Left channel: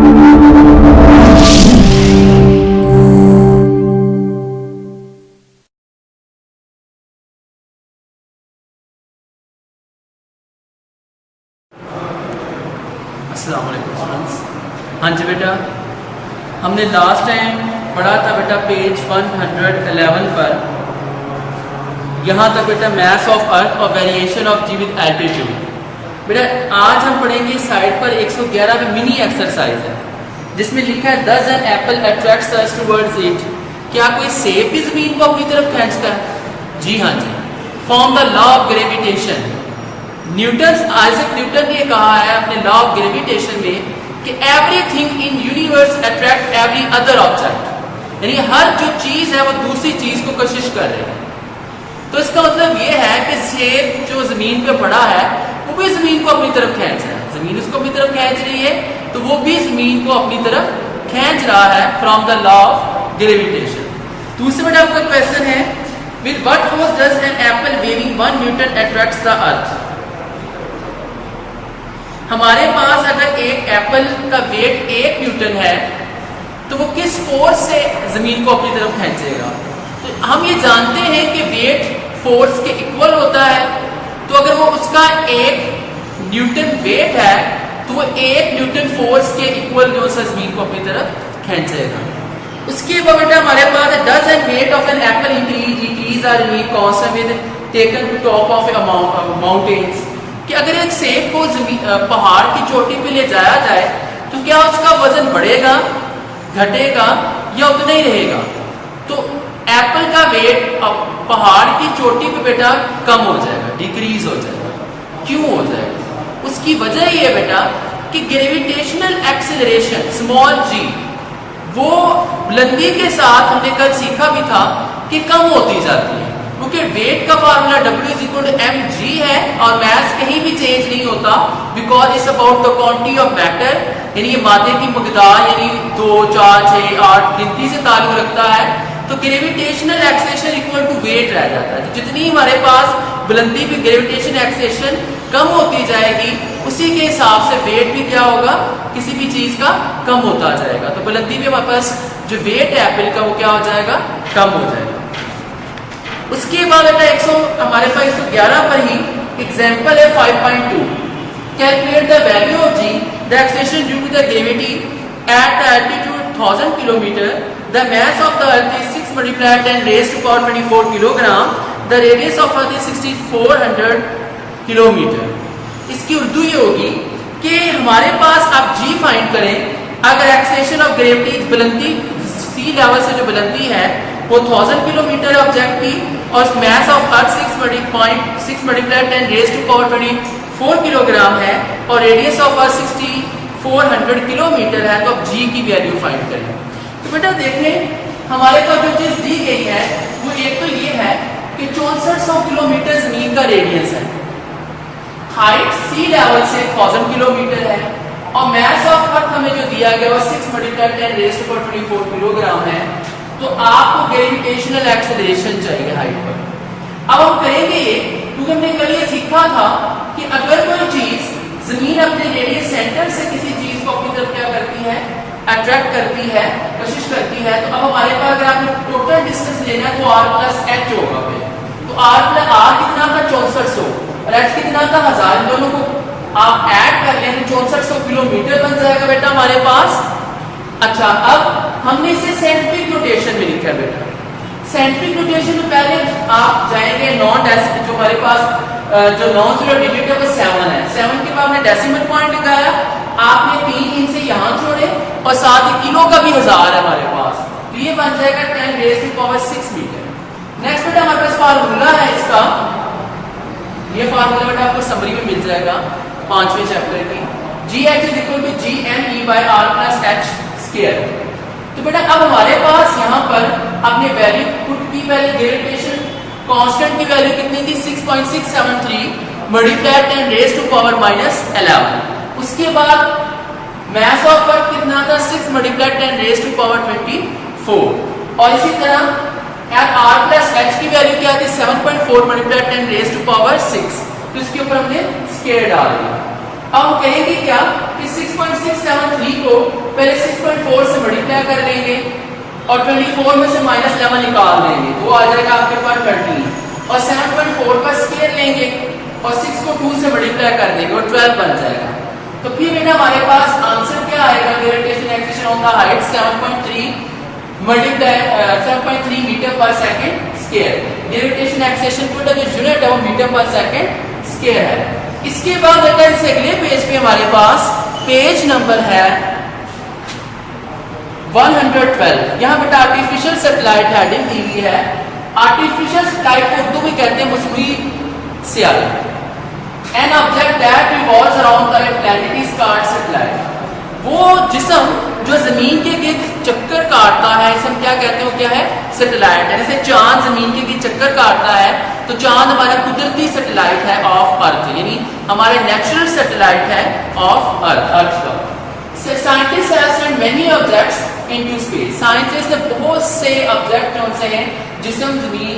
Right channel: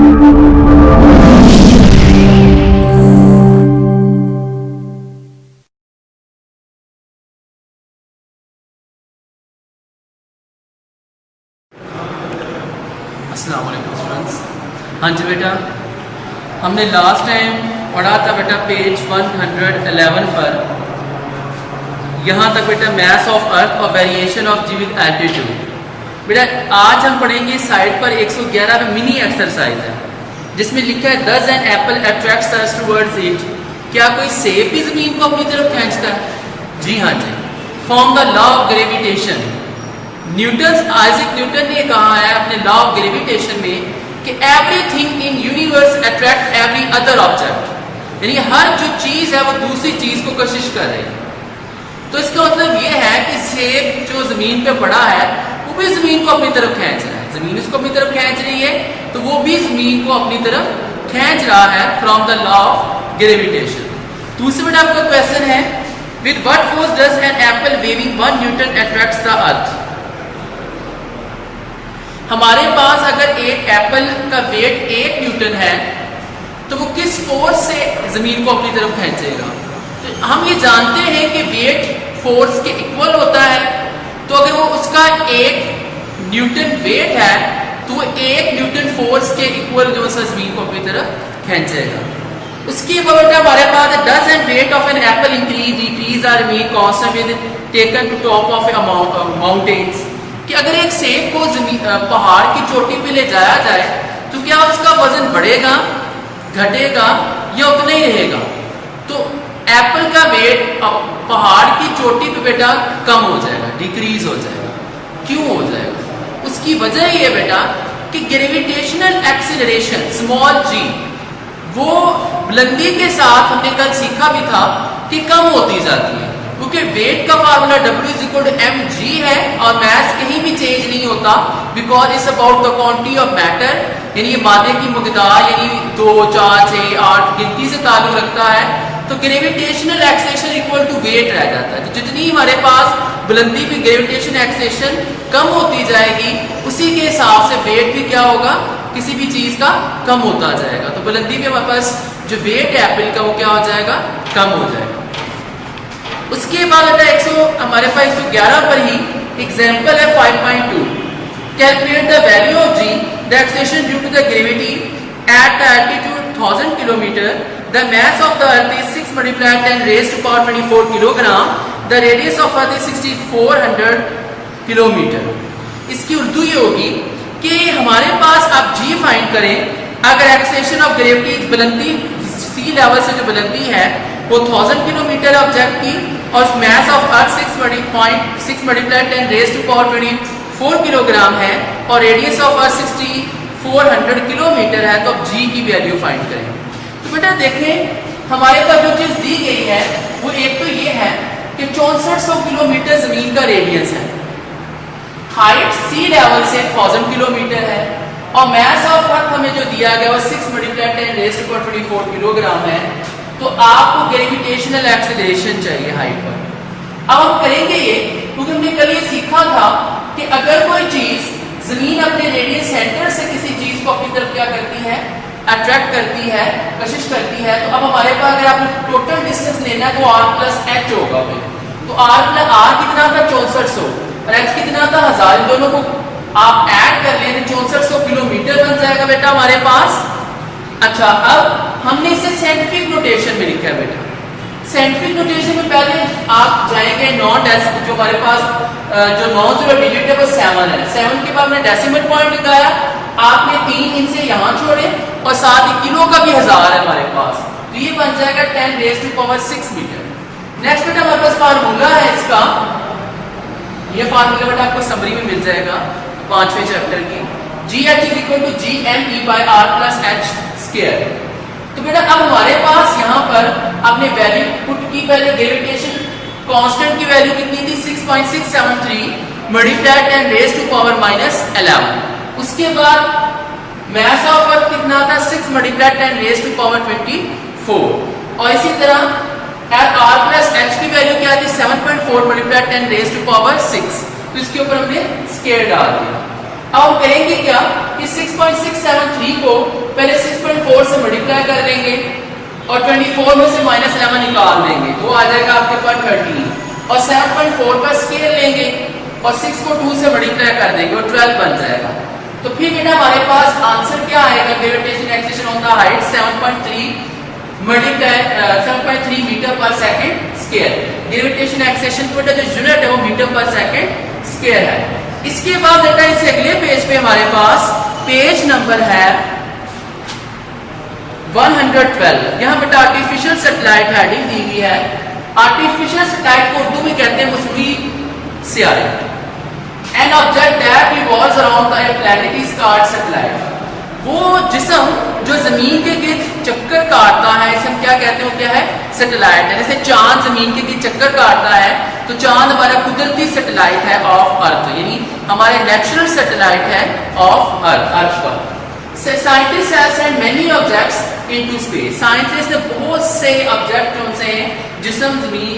अस्सलाम वालेकुम स्टूडेंट्स। हाँ जी बेटा, हमने लास्ट टाइम पढ़ा था बेटा पेज 111 पर, यहाँ तक बेटा मैथ ऑफ अर्थ और variation of g with altitude. बेटा आज हम पढ़ेंगे साइड पर 111 में मिनी एक्सरसाइज है जिसमें लिखा है does an Apple attracts us towards it. क्या कोई सेब भी जमीन को अपनी तरफ खींचता है? जी हाँ जी। From the law of gravitation. Isaac Newton ने कहा है अपने लॉ ऑफ ग्रेविटेशन में कि everything in universe attract every other object, यानी हर जो चीज है वो दूसरी चीज को कशिश कर रही है। तो इसका मतलब ये है कि सेब जो जमीन पे पड़ा है वो भी जमीन को अपनी तरफ खींच रहा है, जमीन उसको अपनी तरफ खींच रही है तो वो भी जमीन को अपनी तरफ खींच रहा है from the law of gravitation. दूसरे बेटा आपका क्वेश्चन है with what force does an apple waving 1 Newton attracts the earth. हमारे पास अगर एक एप्पल का वेट 1 न्यूटन है तो वो किस फोर्स से जमीन को अपनी तरफ खींचेगा? तो हम ये जानते हैं कि वेट फोर्स के इक्वल होता है, तो अगर वो उसका 1 न्यूटन वेट है तो वो 1 न्यूटन फोर्स के इक्वल जो है जमीन को अपनी तरफ खींचेगा। उसके बाद बेटा हमारे पास does and weight of an apple increase decrease or remain constant with taken to top of mountains. कि अगर एक सेब को पहाड़ की चोटी पे ले जाया जाए तो क्या उसका वजन बढ़ेगा, घटेगा या उतना ही रहेगा? तो एप्पल का वेट पहाड़ की चोटी पे बेटा कम हो जाएगा, डिक्रीज हो जाएगा। क्यों हो जाएगा? उसकी वजह ये बेटा कि ग्रेविटेशनल एक्सीलरेशन स्मॉल जी वो बुलंदी के साथ हमने कल सीखा भी था कि कम होती जाती है, क्योंकि वेट का फार्मूला W=mg है और मैथ कहीं भी चेंज नहीं होता because it's about the quantity of matter, यानी ये मादे की मकदार यानी 2, 4, 6, 8 गिनती से ताल्लुक रखता है। तो gravitational acceleration equal to weight रह जाता है। तो जितनी हमारे पास बुलंदी भी ग्रेविटेशन एक्सेलेरेशन कम होती जाएगी उसी के हिसाब से वेट भी क्या होगा, किसी भी चीज का कम होता जाएगा। तो बुलंदी भी हमारे पास जो वेट है एप्पल का वो क्या हो जाएगा, कम हो जाएगा। उसके बाद हमारे पास 111 पर ही एग्जाम्पल है 5.2। Calculate the value of g the acceleration due to the gravity at the altitude 1000 kilometre. The mass of the earth is 6 × 10⁻⁴ kilogram. The radius of earth is 6400 kilometre. इसकी उर्दू ये होगी कि हमारे पास आप जी फाइंड करें अगर एक्सेलेरेशन ऑफ ग्रेविटी बुलंदी सी level से जो बुलंदी है वो 1000 किलोमीटर ऑब्जेक्ट की और मास ऑफ अर्थ 6 × 10⁻⁴ किलोग्राम है और रेडियस ऑफ अर्थ 6400 किलोमीटर है। तो अब जी की वैल्यू फाइंड करें। तो बेटा देखें हमारे पास जो चीज दी गई है वो एक तो ये है कि 6400 किलोमीटर जमीन का रेडियस है, हाइट सी लेवल से 1000 किलोमीटर है और मास ऑफ अर्थ हमें जो दिया गया वो 6 × 10⁻⁴ किलोग्राम है। तो आपको ग्रेविटेशनल एक्सेलरेशन चाहिए हाइट पर। अब हम करेंगे ये क्योंकि हमने कल ये सीखा था कि अगर कोई चीज जमीन अपने रेडियस सेंटर से किसी चीज को अपनी तरफ क्या करती है, अट्रैक्ट करती है, कशिश करती है। तो अब हमारे पास अगर आपने टोटल डिस्टेंस लेना है तो r+h होगा। तो r कितना था 6400 और h कितना था 1000, इन दोनों को आप ऐड कर लें 6400 किलोमीटर बन जाएगा बेटा हमारे पास। अच्छा अब हमने इसे साइंटिफिक नोटेशन में लिखा है बेटा। साइंटिफिक नोटेशन में पहले आप जाएंगे नॉन डेसिमल, जो हमारे पास जो नॉन जीरो डिजिट है वो 7 है। 7 के बाद हमने डेसिमल पॉइंट लगाया, आपने 3 इनसे यहाँ छोड़े और साथ ही किलो का भी 1000 है हमारे पास, तो ये बन जाएगा 10⁻⁶ मीटर। नेक्स्ट बेटा हमारे पास फार्मूला है इसका, ये फार्मूला बेटा आपको समरी में मिल जाएगा 5वें चैप्टर की। GH=gme/r+h²। तो बेटा अब हमारे पास यहाँ पर अपने वैल्यू पुट की, पहले ग्रेविटेशन कांस्टेंट की वैल्यू कितनी थी 6.673 × 10⁻⁻11। उसके बाद मास ऑफ अर्थ कितना था 6 × 10⁻24 और इसी तरह r+h की वैल्यू क्या थी 7.4 × 10⁻6। तो इसके ऊपर हमने स्क्वायर डाल दिया। अब हम करेंगे क्या कि 6.673 को को पहले 6.4 से मल्टीप्लाई कर लेंगे और 24 में से -11 निकाल देंगे, तो आ जाएगा आपके पास 13 और 7.4 का स्केयर लेंगे और 6 को 2 से मल्टीप्लाई कर देंगे और 12 बन जाएगा। तो फिर बेटा हमारे पास आंसर क्या आएगा, gravitation acceleration on the height 7.3 metre per second square. Gravitation acceleration को जो यूनिट है वो मीटर पर सेकंड स्क्वायर है। इसके बाद बेटा इस अगले पेज पे हमारे पास पेज नंबर है 112। यहाँ बेटा आर्टिफिशियल सैटेलाइट हेडिंग दी हुई है। आर्टिफिशियल सैटेलाइट को उर्दू में कहते हैं मसनूई सियारी। An object that revolves around the planet is called satellite. वो जिस्म जो जमीन के गिर्द चक्कर काटता है, इसे हम क्या कहते हैं, क्या है, सैटेलाइट है। जैसे चांद जमीन के गिर्द चक्कर काटता है तो चांद हमारा कुदरती सैटेलाइट है ऑफ अर्थ, यानी हमारे नेचुरल सैटेलाइट है ऑफ अर्थ का। Scientist have sent many objects into space. Scientist ने बहुत से ऑब्जेक्ट जो से जिस्म जमीन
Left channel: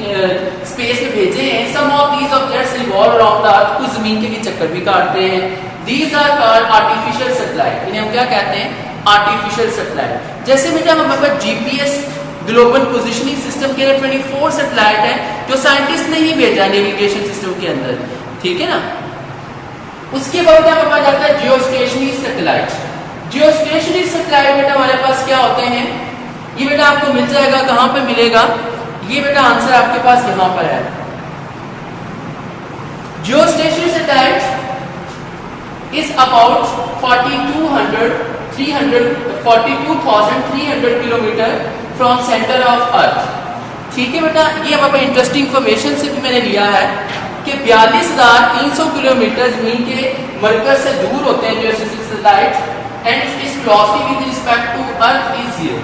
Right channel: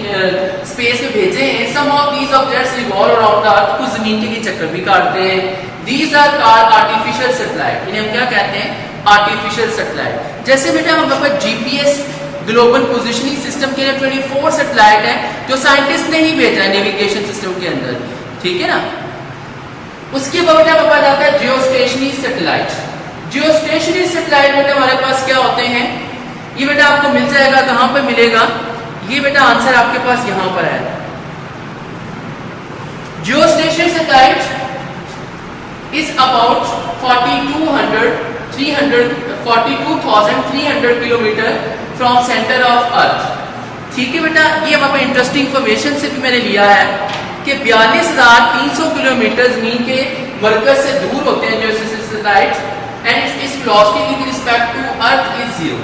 स्पेस में भेजे हैं। Some of these objects revolve around earth, कुछ जमीन के लिए चक्कर भी काटते हैं। These are called artificial satellite. इन्हें हम क्या कहते हैं, आर्टिफिशियल सैटेलाइट। जैसे बेटा हमारे पास जीपीएस ग्लोबल पोजिशनिंग सिस्टम के लिए 24 सैटेलाइट है जो साइंटिस्ट ने ही भेजा है नेविगेशन सिस्टम के अंदर, ठीक है ना। उसके बाद बेटा हमारे पास आता है जियोस्टेशनरी सैटेलाइट। जियोस्टेशनरी सैटेलाइट बेटा हमारे पास क्या होते हैं, ये बेटा आपको मिल जाएगा, कहां पे मिलेगा, ये बेटा आंसर आपके पास यहां पर है। Geostationary satellite is about 42,300 kilometre from centre of earth. ठीक है बेटा, ये हमारे इंटरेस्टिंग इंफॉर्मेशन से मैंने लिया है कि 42,300 किलोमीटर जमीन के मरकज से दूर होते हैं जो सैटेलाइट, एंड इस velocity with respect to earth is 0।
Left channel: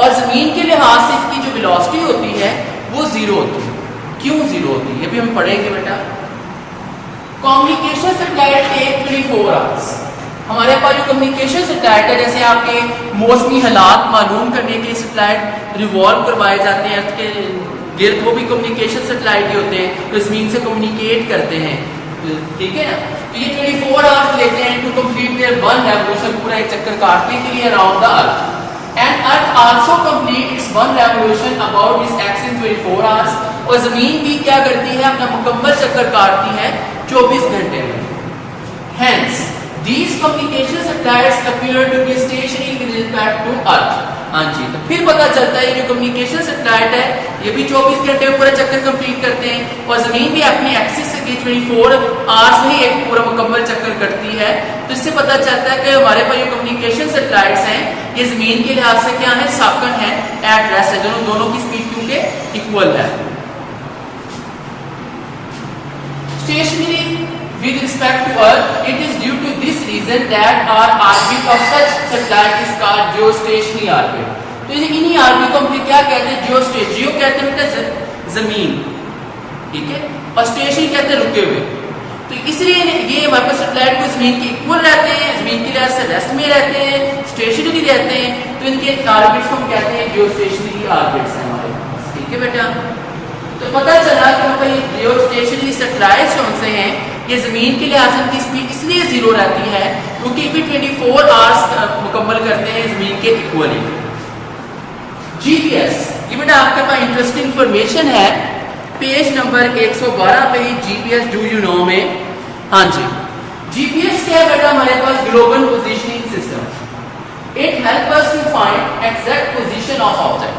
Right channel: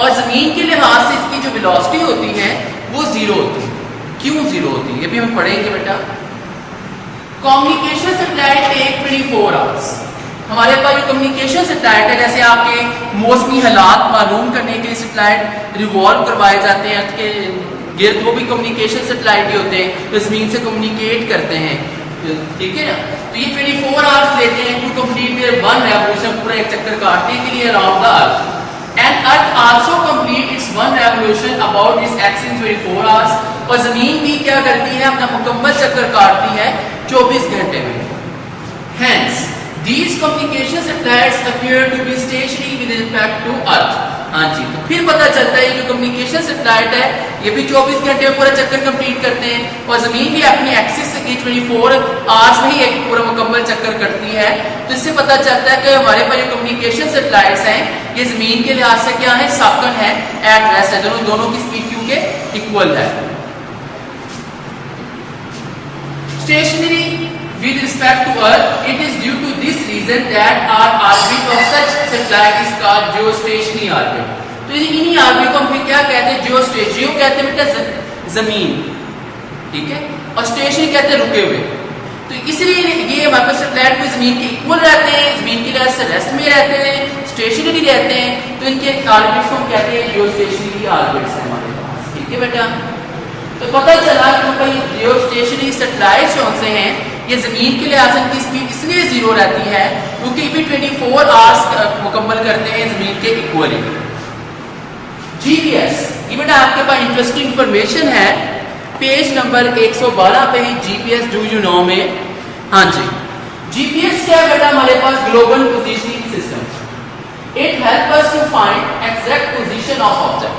और जमीन के लिहाज से इसकी जो वेलोसिटी होती है वो 0 होती है। क्यों 0 होती है, ये भी हम पढ़ेंगे बेटा। Communication satellite take 24 hours. हमारे पास जो कम्युनिकेशन सैटेलाइट है, जैसे आपके मौसमी हालात मालूम करने के लिए सैटेलाइट रिवॉल्व करवाए जाते हैं अर्थ के गिर्द, वो भी कम्युनिकेशन सैटेलाइट ही होते हैं जो जमीन से कम्युनिकेट करते हैं, ठीक है ना। तो ये 24 आवर्स लेते हैं to complete their one revolution, पूरा एक चक्कर काटने के लिए around the earth. And earth also complete its one revolution about its axis in 24 hours. और जमीन भी क्या करती है, अपना मुकम्मल चक्कर काटती है 24 घंटे में। Hence, these communication satellites appear to be stationary with respect to Earth. हाँ जी, तो फिर पता चलता है कि जो कम्युनिकेशन सैटेलाइट है ये भी 24 घंटे में पूरा चक्कर कंप्लीट करते हैं और जमीन भी अपनी एक्सिस से 24 आवर्स में ही एक पूरा मुकम्मल चक्कर करती है। तो इससे पता चलता है कि हमारे पास जो कम्युनिकेशन सैटेलाइट्स हैं ये जमीन के लिहाज से क्या है, साकन है, एट रेस्ट है, दोनों की स्पीड क्योंकि इक्वल है। Stationary with respect to Earth, it is due to this reason that our orbit of such satellite is called geostationary orbit. तो इन्हीं ऑर्बिट को हम क्या कहते हैं, जियोस्टेशन। जियो कहते हैं बेटा जमीन, ठीक है, और स्टेशन कहते हैं रुके हुए। तो इसलिए ये हमारे पास सैटेलाइट को जमीन के इक्वल रहते हैं, जमीन के लिहाज से रेस्ट में रहते हैं, स्टेशनरी रहते हैं, तो इनके ऑर्बिट्स को हम कहते हैं जियोस्टेशनरी ऑर्बिट्स है हमारे पास, ठीक है बेटा। तो पता चला कि ये जियोस्टेशनरी सैटेलाइट्स जो से हैं ये जमीन के लिहाज से इनकी स्पीड इसलिए 0 रहती है क्योंकि ये भी 24 आवर्स मुकम्मल करते हैं जमीन के इक्वली। जीपीएस, ये बेटा आपके पास इंटरेस्टिंग इंफॉर्मेशन है पेज नंबर 112 पे ही जीपीएस डू यू नो में। हाँ जी, जीपीएस क्या है बेटा, हमारे पास global positioning system. It help us to find exact position of object.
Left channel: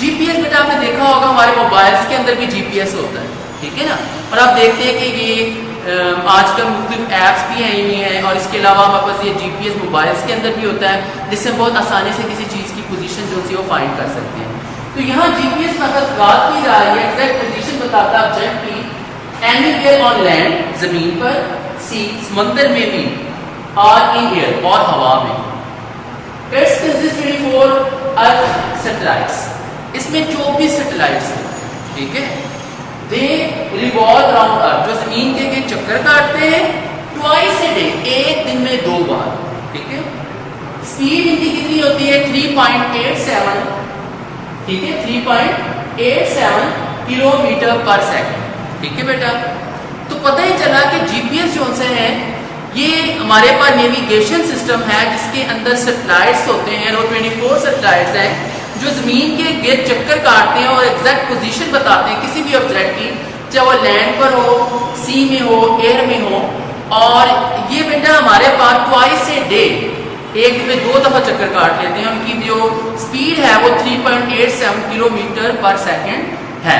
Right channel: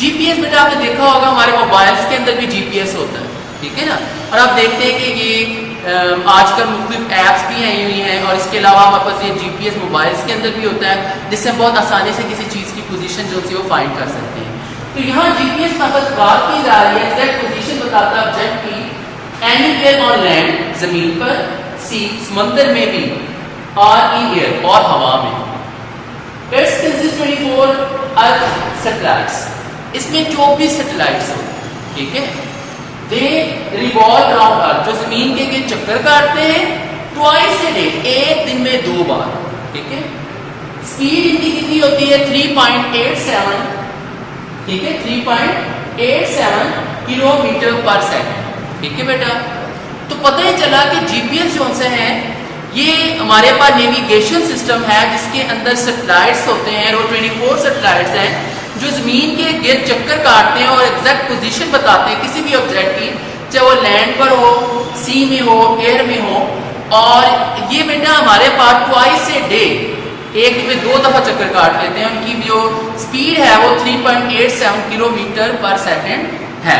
GPS बेटा आपने देखा होगा हमारे मोबाइल्स के अंदर भी जीपीएस होता है, ठीक है ना। और आप देखते हैं कि ये आजकल मुख्तलिफ ऐप्स भी आई हुई हैं और इसके अलावा हमारे पास ये जीपीएस मोबाइल्स के अंदर भी होता है जिससे हम बहुत आसानी से किसी चीज़ की पोजीशन जो है वो फाइंड कर सकते हैं। तो यहाँ जीपीएस में बस बात की जा रही है, एग्जैक्ट पोजीशन बताता है ऑब्जेक्ट की एनीवेयर ऑन लैंड, जमीन पर, सी, समंदर में भी, और इन एयर, और हवा में। It's consist 24 earth satellites. इसमें 24 सैटेलाइट्स हैं, ठीक है। दे रिवॉल्व अराउंड अर्थ, जो जमीन के चक्कर काटते हैं ट्वाइस ए डे, एक दिन में 2 बार, ठीक है। स्पीड इनकी कितनी होती है 3.87, ठीक है, 3.87 किलोमीटर पर सेकंड, ठीक है बेटा। तो पता ही चला कि जीपीएस जो से हैं ये हमारे पास नेविगेशन सिस्टम है जिसके अंदर सैटेलाइट्स होते हैं, वो 24 सैटेलाइट्स हैं जो ज़मीन के गिर्द चक्कर काटते हैं और एग्जैक्ट पोजीशन बताते हैं किसी भी ऑब्जेक्ट की, चाहे वो लैंड पर हो, सी में हो, एयर में हो। और ये बेटा हमारे पास ट्वाइस ए डे, एक दिन में 2 दफ़ा चक्कर काट लेते हैं। उनकी जो स्पीड है वो 3.87 किलोमीटर पर सेकेंड है।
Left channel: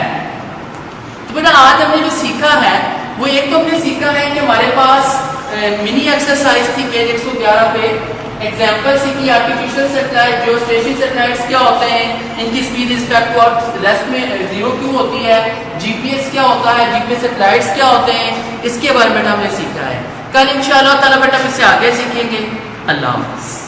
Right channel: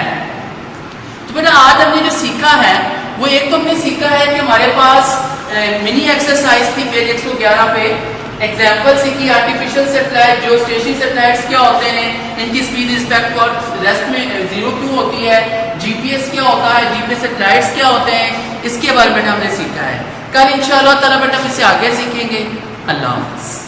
तो बेटा आज हमने जो सीखा है वो एक तो हमने सीखा है कि हमारे पास मिनी एक्सरसाइज थी पेज 111 पे, एग्जाम्पल सीखी आर्टिफिशियल सैटेलाइट, जो स्टेशनरी सैटेलाइट्स क्या होते हैं, इनकी स्पीड रिस्पेक्ट और रेस्ट में 0 क्यों होती है, जीपीएस क्या होता है, जीपीएस सैटेलाइट्स क्या होते हैं, इसके बारे में हमने सीखा है। कल इंशाअल्लाह ताला बेटा हम इससे आगे सीखेंगे। अल्लाह हाफ़िज़।